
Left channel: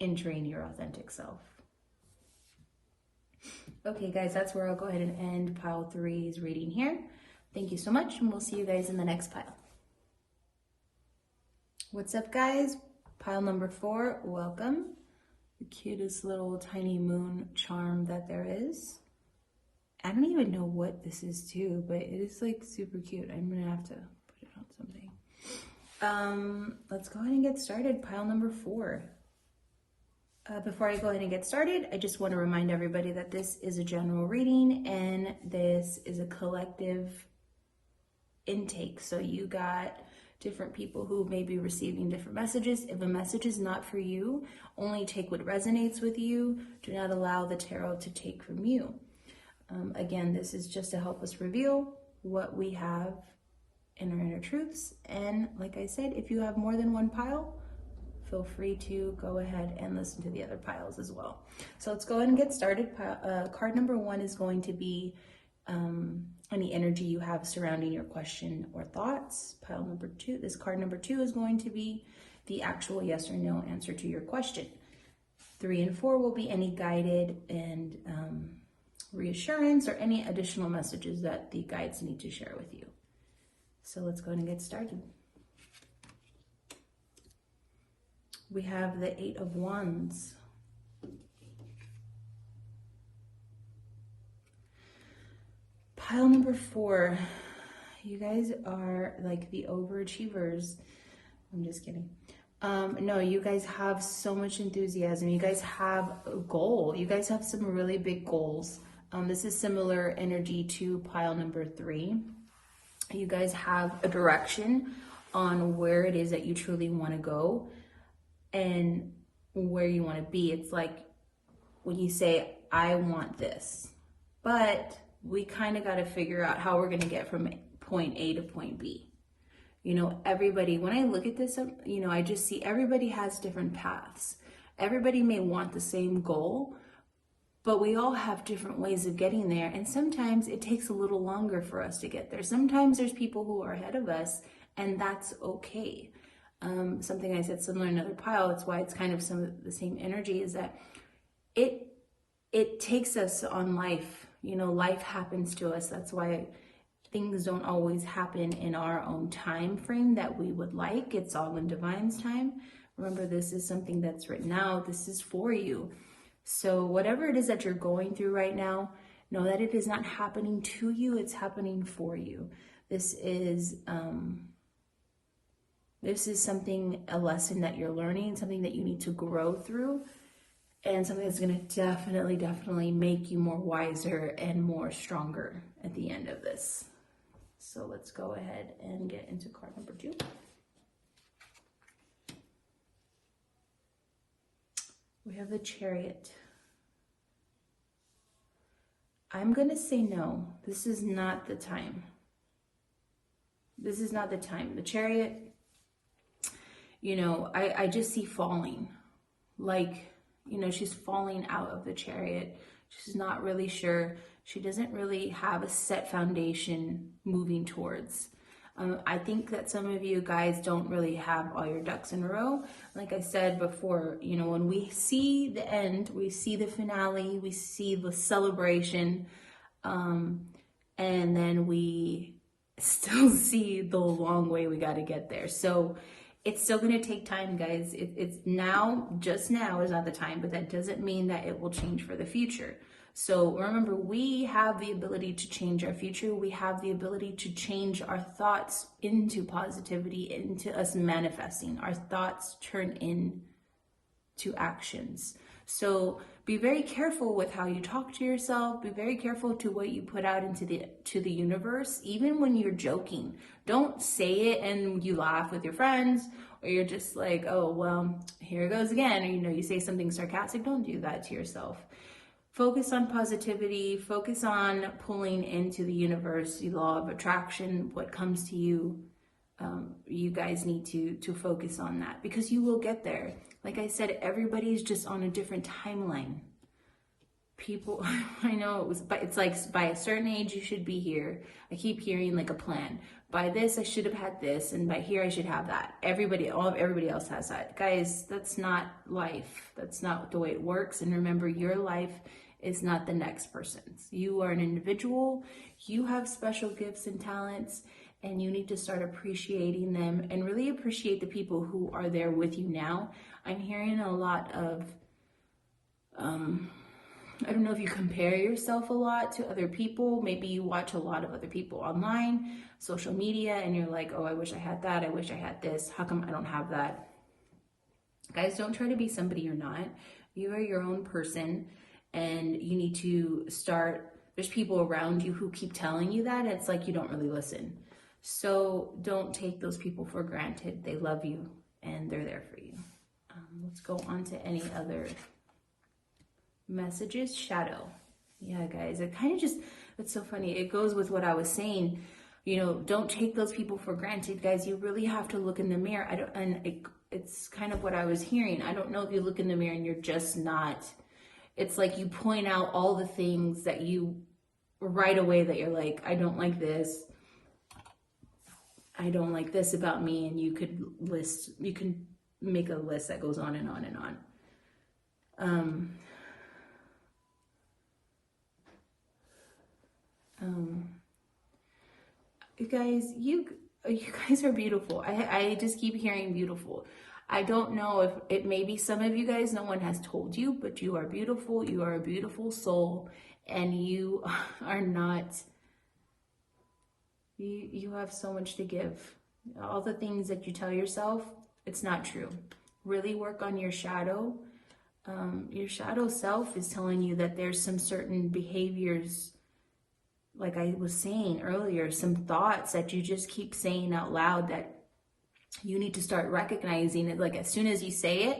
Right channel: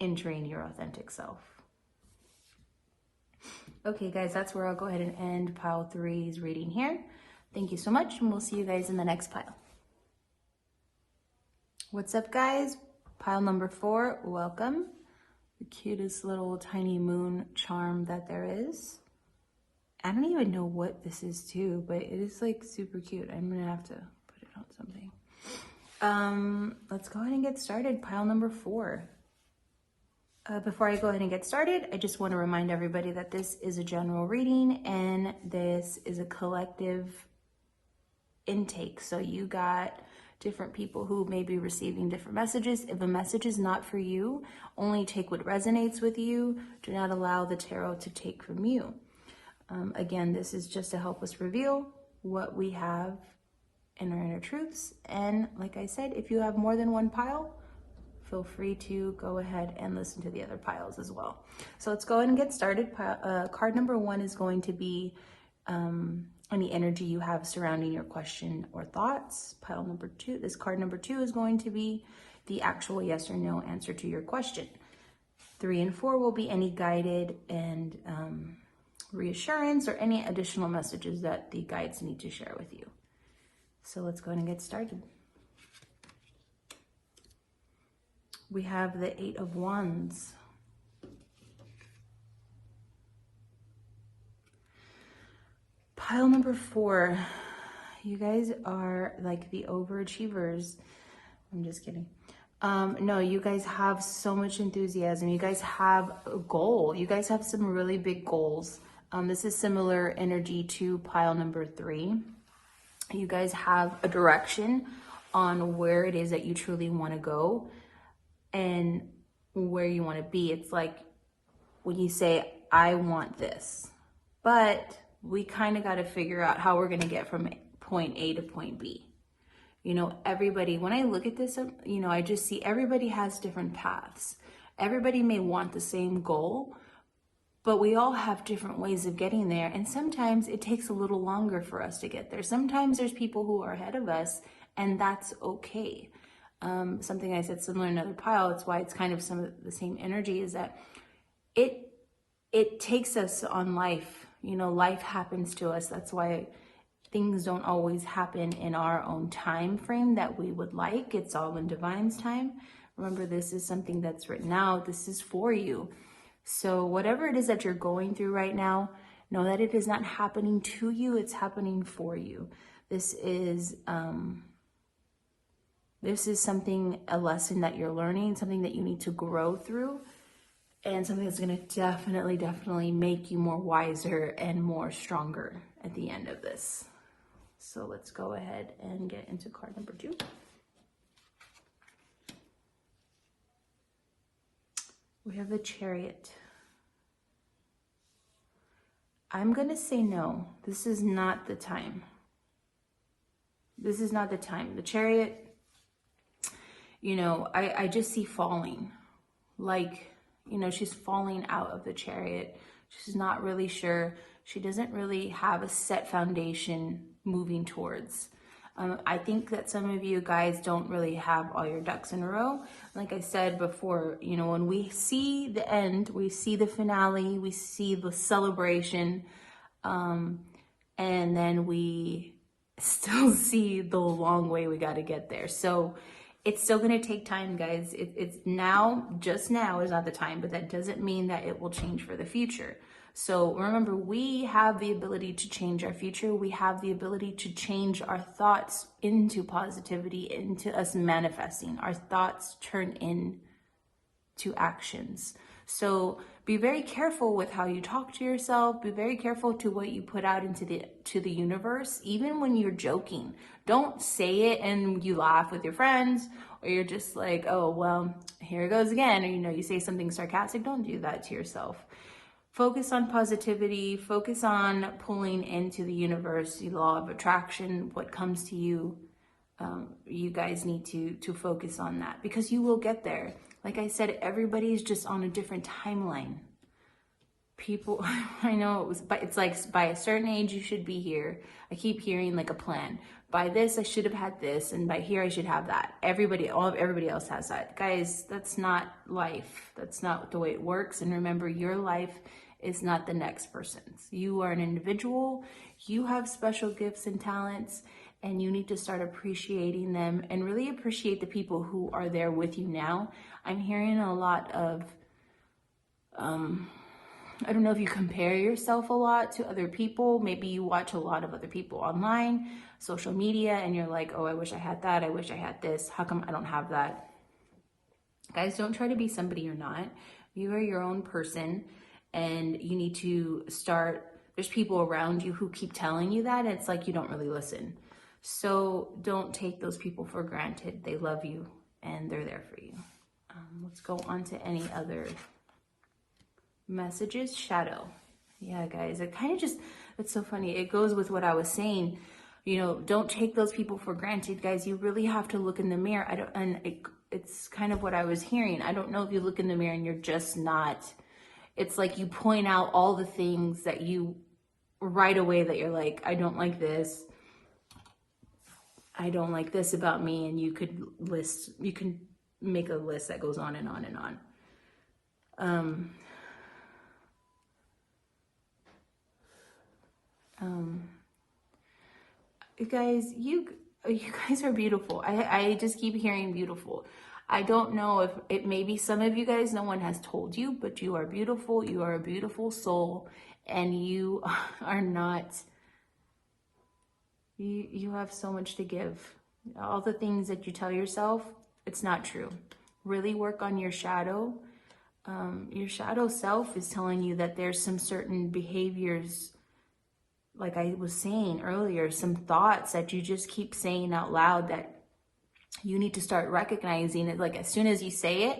entering your authentic self. Okay, guys, that's where I'll go ahead and end pile 3's reading here. Thank you so much, and we'll see you guys in the next pile. What's up, guys? Pile number 4, welcome. The cutest little tiny moon charm that there is. I don't even know what this is too, but it is like super cute. I'm gonna have to put it on something. Let's go ahead and get started. Pile number 4. Before I go ahead and get started, I just want to remind everybody that this is a general reading and this is a collective intake. So you got different people who may be receiving different messages. If a message is not for you, only take what resonates with you. Do not allow the tarot to take from you. Again, this is just to help us reveal what we have in our inner truths. And like I said, if you have more than one pile, feel free to go ahead and listen to the other piles as well. So let's go ahead and get started. Card number 1 is going to be any energy you have surrounding your question or thoughts. Pile number 2, this card number 2 is going to be the actual yes or no answer to your question. 3 and 4 will be any guided and reassurance or any additional messages that the guides need to share with you. So let's go ahead and get started. We have the 8 of Wands. Pile number 4, you guys are like the overachievers. I'm just kidding. No, you guys have so much enthusiasm. You guys have a goal. You guys have some really big goals. This is similar energy to pile number 3. You guys have a direction on where it is that you truly want to go and where you want to be. It's like when you say, I want this, but we kind of got to figure out how we're going to get from point A to point B. You know, everybody, when I look at this, you know, I just see everybody has different paths. Everybody may want the same goal, but we all have different ways of getting there. And sometimes it takes a little longer for us to get there. Sometimes there's people who are ahead of us, and that's okay. Something I said similar in another pile, it's why it's kind of some of the same energy, is that it takes us on life. You know, life happens to us. That's why things don't always happen in our own time frame that we would like. It's all in divine's time. Remember, this is something that's written out. This is for you. So whatever it is that you're going through right now, know that it is not happening to you. It's happening for you. This is something, a lesson that you're learning, something that you need to grow through, and something that's going to definitely make you more wiser and more stronger at the end of this. So let's go ahead and get into card number 2. We have the Chariot. I'm going to say no. This is not the time. This is not the time. The Chariot, you know, I just see falling. Like, you know, she's falling out of the Chariot. She's not really sure. She doesn't really have a set foundation moving towards. I think that some of you guys don't really have all your ducks in a row. Like I said before, you know, when we see the end, we see the finale, we see the celebration, and then we still see the long way we got to get there. So it's still going to take time, guys. It's now, just now is not the time, but that doesn't mean that it will change for the future. So remember, we have the ability to change our future. We have the ability to change our thoughts into positivity, into us manifesting. Our thoughts turn into actions. So be very careful with how you talk to yourself. Be very careful to what you put out into the universe, even when you're joking. Don't say it and you laugh with your friends, or you're just like, oh, well, here it goes again. Or, you know, you say something sarcastic. Don't do that to yourself. Focus on positivity, focus on pulling into the universe, the law of attraction, what comes to you. You guys need to focus on that, because you will get there. Like I said, everybody's just on a different timeline. People, I know it's like by a certain age you should be here. I keep hearing like a plan. By this I should have had this, and by here I should have that. Everybody else has that. Guys, that's not life. That's not the way it works. And remember, your life is not the next person's. You are an individual. You have special gifts and talents, and you need to start appreciating them and really appreciate the people who are there with you now. I'm hearing a lot of, I don't know if you compare yourself a lot to other people. Maybe you watch a lot of other people online, social media, and you're like, oh, I wish I had that. I wish I had this. How come I don't have that? Guys, don't try to be somebody you're not. You are your own person. And you need to start, there's people around you who keep telling you that, and it's like you don't really listen. So don't take those people for granted. They love you, and they're there for you. Let's go on to any other messages. Shadow. Yeah, guys, it kind of just, it's so funny. It goes with what I was saying. You know, don't take those people for granted, guys. You really have to look in the mirror. It's kind of what I was hearing. I don't know if you look in the mirror and you're just not, it's like you point out all the things that you, right away, that you're like, I don't like this. I don't like this about me. And you can make a list that goes on and on and on. You guys are beautiful. I just keep hearing beautiful. I don't know if it maybe some of you guys, no one has told you, but you are beautiful. You are a beautiful soul, and you are not You have so much to give. All the things that you tell yourself, it's not true. Really work on your shadow. Your shadow self is telling you that there's some certain behaviors, like I was saying earlier, some thoughts that you just keep saying out loud that you need to start recognizing it. Like as soon as you say it,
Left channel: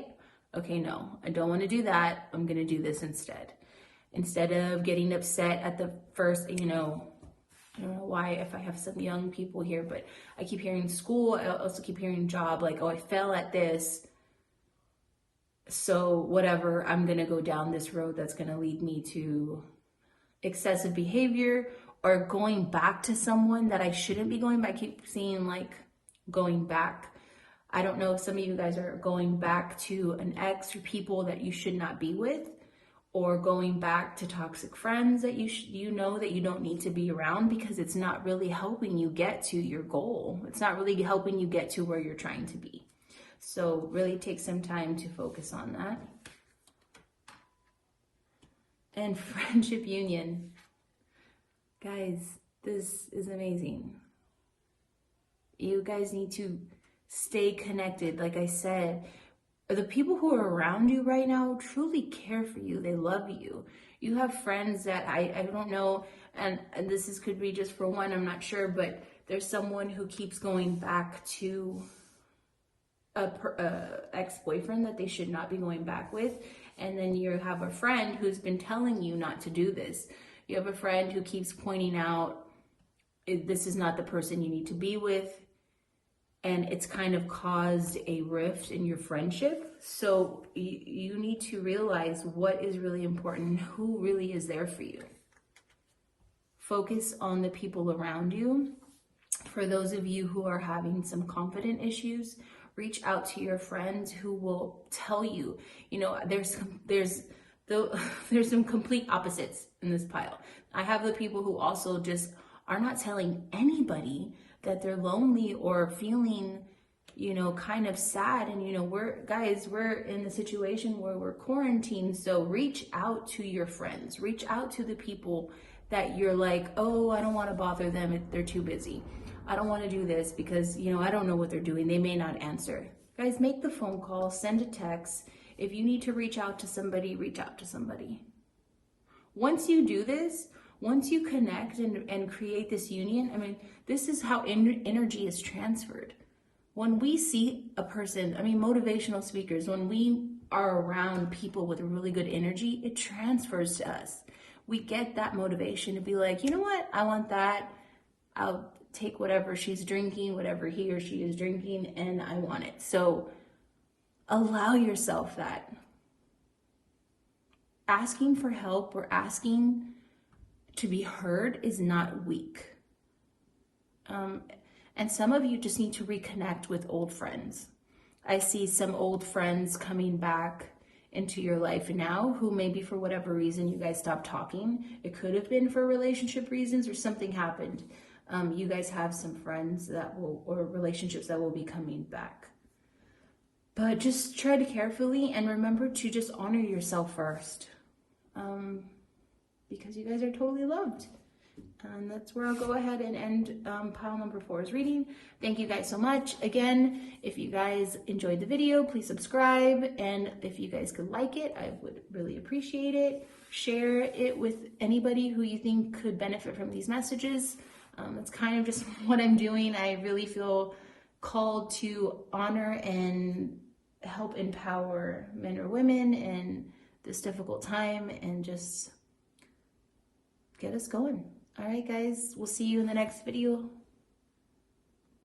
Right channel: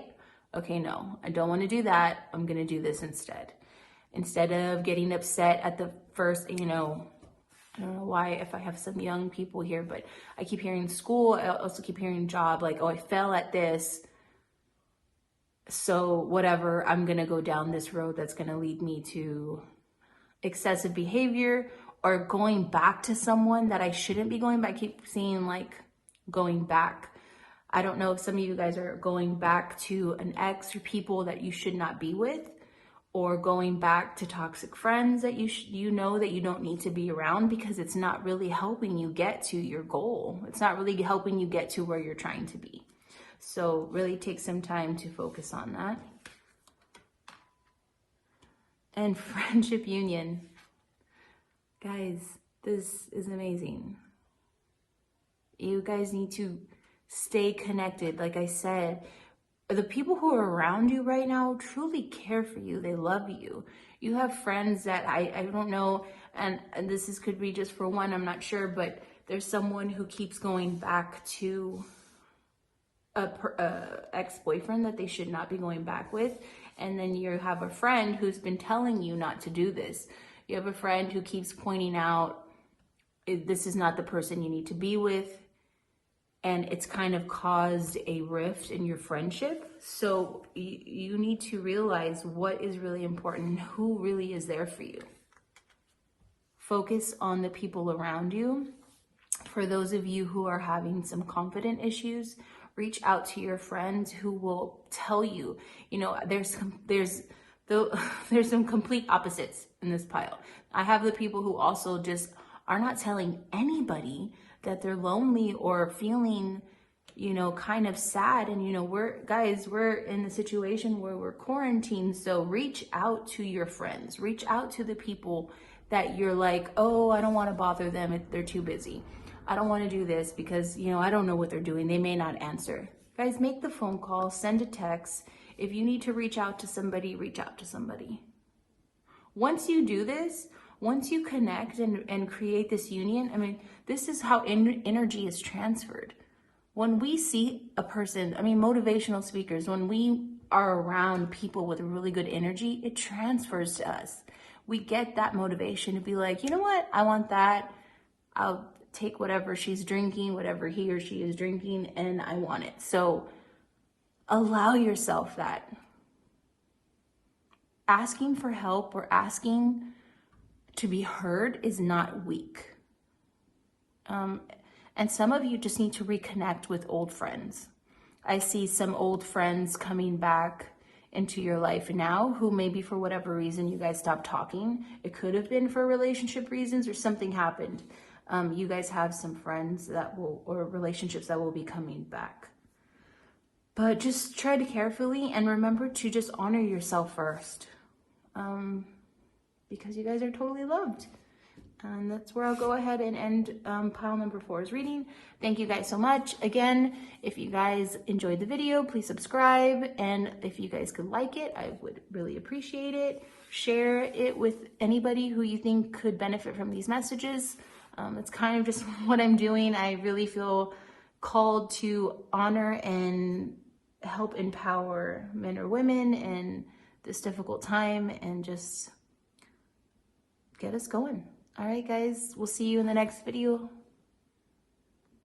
okay, no, I don't want to do that. I'm going to do this instead. Instead of getting upset at the first, I don't know why, if I have some young people here, but I keep hearing school, I also keep hearing job, like, oh, I fell at this, so whatever, I'm going to go down this road that's going to lead me to excessive behavior, or going back to someone that I shouldn't be going back. I keep seeing like going back. I don't know if some of you guys are going back to an ex or people that you should not be with, or going back to toxic friends that you know that you don't need to be around, because it's not really helping you get to your goal. It's not really helping you get to where you're trying to be. So really take some time to focus on that. And friendship union. Guys, this is amazing. You guys need to stay connected. Like I said, the people who are around you right now truly care for you. They love you. You have friends that I don't know, and this could be just for one, I'm not sure, but there's someone who keeps going back to a ex-boyfriend that they should not be going back with. And then you have a friend who's been telling you not to do this. You have a friend who keeps pointing out, this is not the person you need to be with. And it's kind of caused a rift in your friendship. So you need to realize what is really important, who really is there for you. Focus on the people around you. For those of you who are having some confident issues, reach out to your friends who will tell you, there's some complete opposites in this pile. I have the people who also just are not telling anybody that they're lonely or feeling, kind of sad. And, we're in a situation where we're quarantined. So reach out to your friends, reach out to the people that you're like, oh, I don't want to bother them if they're too busy. I don't want to do this because, I don't know what they're doing. They may not answer. Guys, make the phone call, send a text. If you need to reach out to somebody, reach out to somebody. Once you do this, once you connect and create this union, this is how energy is transferred. When we see a person, motivational speakers, when we are around people with a really good energy, it transfers to us. We get that motivation to be like, you know what? I want that. I'll take whatever she's drinking, whatever he or she is drinking, and I want it. So allow yourself that. Asking for help or asking to be heard is not weak. And some of you just need to reconnect with old friends. I see some old friends coming back into your life now who maybe for whatever reason you guys stopped talking. It could have been for relationship reasons or something happened. You guys have some friends or relationships that will be coming back. But just try to carefully and remember to just honor yourself first. Because you guys are totally loved. That's where I'll go ahead and end pile number 4's reading. Thank you guys so much. Again, if you guys enjoyed the video, please subscribe. And if you guys could like it, I would really appreciate it. Share it with anybody who you think could benefit from these messages. It's kind of just what I'm doing. I really feel called to honor and help empower men or women in this difficult time and just get us going. All right, guys, we'll see you in the next video.